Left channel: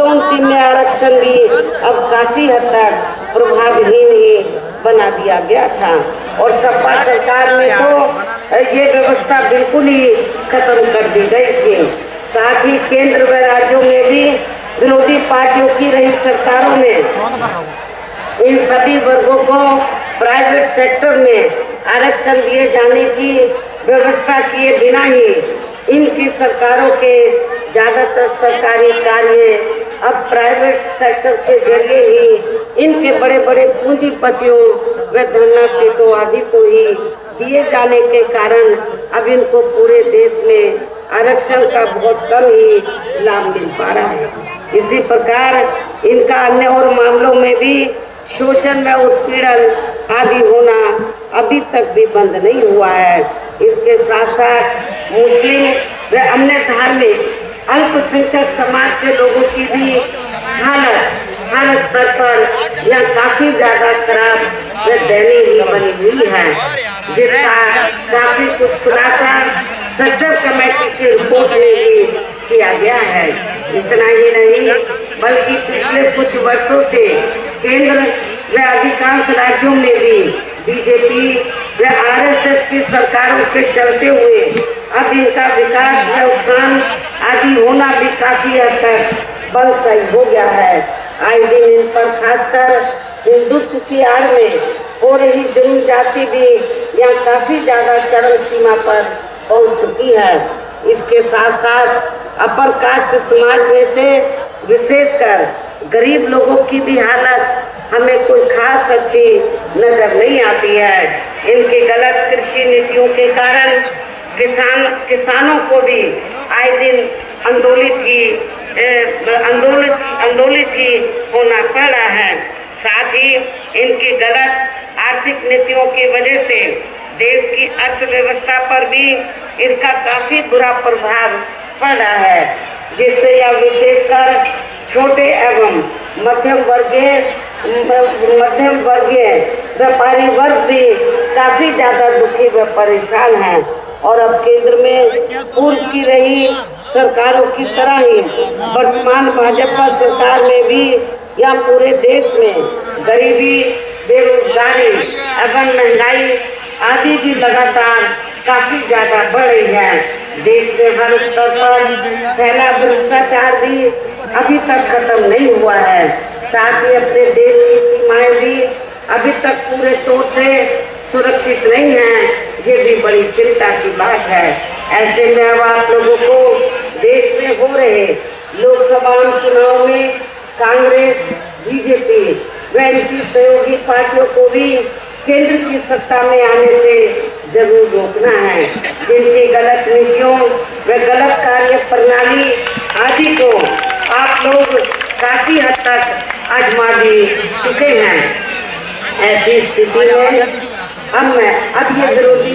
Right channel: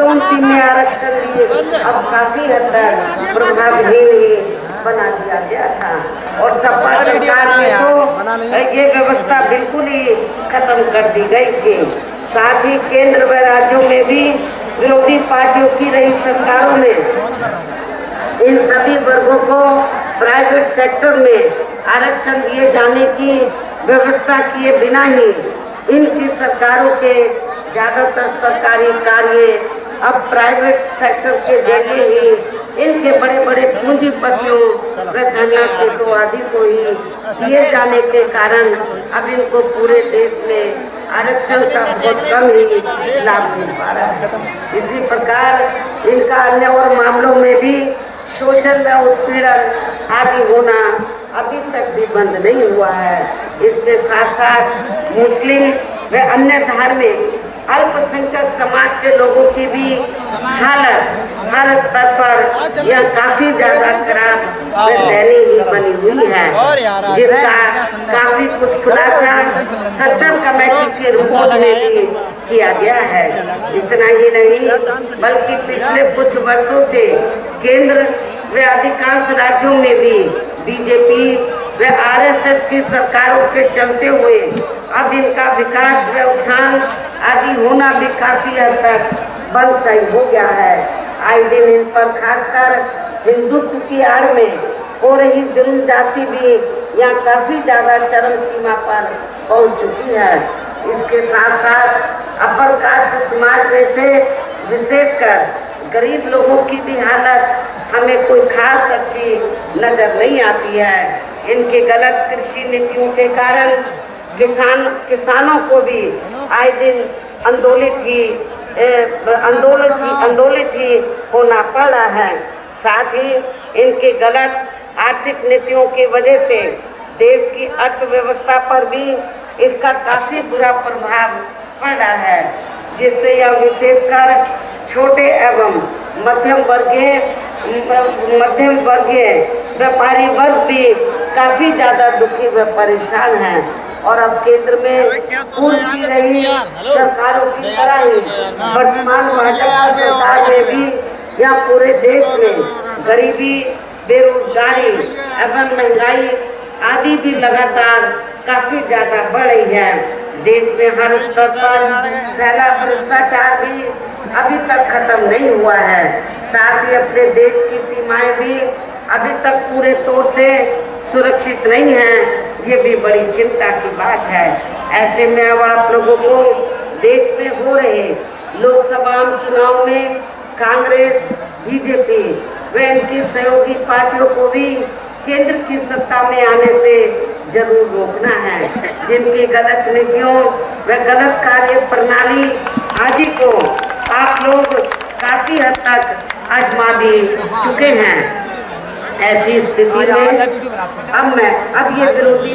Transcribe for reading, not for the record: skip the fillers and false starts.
अंतिम में आरक्षण भी अब काफी हद तक प्रभावहीन ही बना दिया गया था और सपा सरकार में तो ये व्यवस्था बिल्कुल ही खत्म कर दी गई थी। साथ ही केंद्र व राज्यों में भी विरोधी पार्टियों की रही सरकारों में इन सभी वर्गों को प्राइवेट सेक्टर में आरक्षण दिए जाने की व्यवस्था किए बिना ही इनकी सरकारों के ज्यादातर सरकारी कार्य अब प्राइवेट सेक्टर के जरिए ही इनके बड़े बड़े पूंजीपतियों व धनराशियों आदि को ही दिए जाने के कारण अब इनको पूरे देश में आरक्षण का बहुत कम ही लाभ मिल पा रहा है। इसी प्रकार इनका अन्य और मामलों में भी शोषण व उत्पीड़न आदि होना अभी तक भी बंद नहीं हुआ है। इसके साथ साथ मुस्लिम व अन्य धार्मिक अल्पसंख्यक समाज के लोगों की भी हालत हर स्तर पर यह काफी ज्यादा खराब व दयनीय बनी हुई है, जिसका काफी कुछ खुलासा सर्च कमेटी के रिपोर्ट में भी किया गया है। इतना ही नहीं बल्कि पिछले कुछ वर्षों से केंद्र व अधिकांश राज्यों में भी बीजेपी व आरएसएस की सरकारों के चलते हुए अब इनका विकास व उत्थान आदि होना भी काफी हद तक बंद सही हो गया है। आज दिन इन पर खासकर हिंदुत्व की आड़ में हो रही जुल्म जाति भी यहाँ काफी ज्यादा चरम सीमा पर पहुंच चुकी है। इसके साथ साथ अपर कास्ट समाज में से विशेषकर गरीब लोगों की भी हालत हमें कोई खास अच्छी नजर नहीं आती है। इनकी गलत कृषि नीतियों के कारण किसानों को भी आए दिन आंदोलित ही होना पड़ रहा है। साथ ही इनकी गलत आर्थिक नीतियों की वजह से देश की अर्थव्यवस्था पर भी इसका काफी बुरा प्रभाव पड़ रहा है, जिससे यह विशेषकर छोटे एवं मध्यम वर्गीय व्यापारी वर्ग भी काफी ज्यादा दुखी व परेशान है। और अब केंद्र में पूर्व की रही सरकारों की तरह ही वर्तमान भाजपा सरकार में भी यह पूरे देश में गरीबी, बेरोजगारी एवं महंगाई आदि भी लगातार काफी ज्यादा बढ़ रही है। देश में हर स्तर पर फैला भ्रष्टाचार भी अभी तक खत्म नहीं हुआ है। साथ ही अपने देश की सीमाएं भी अभी तक पूरे तौर से सुरक्षित नहीं है। ये भी बड़ी चिंता की बात है। ऐसे में अब आप लोगों को देश में हो रहे लोकसभा चुनाव में कांग्रेस, बीजेपी व इनकी सहयोगी पार्टियों को भी केंद्र की सत्ता में आने से जरूर रोकना है। जिनकी गलत नीतियों व गलत कार्य प्रणाली आदि को आप लोग काफी हद तक आजमा भी चुके हैं। ऐसी स्थिति में अब ये विरोधी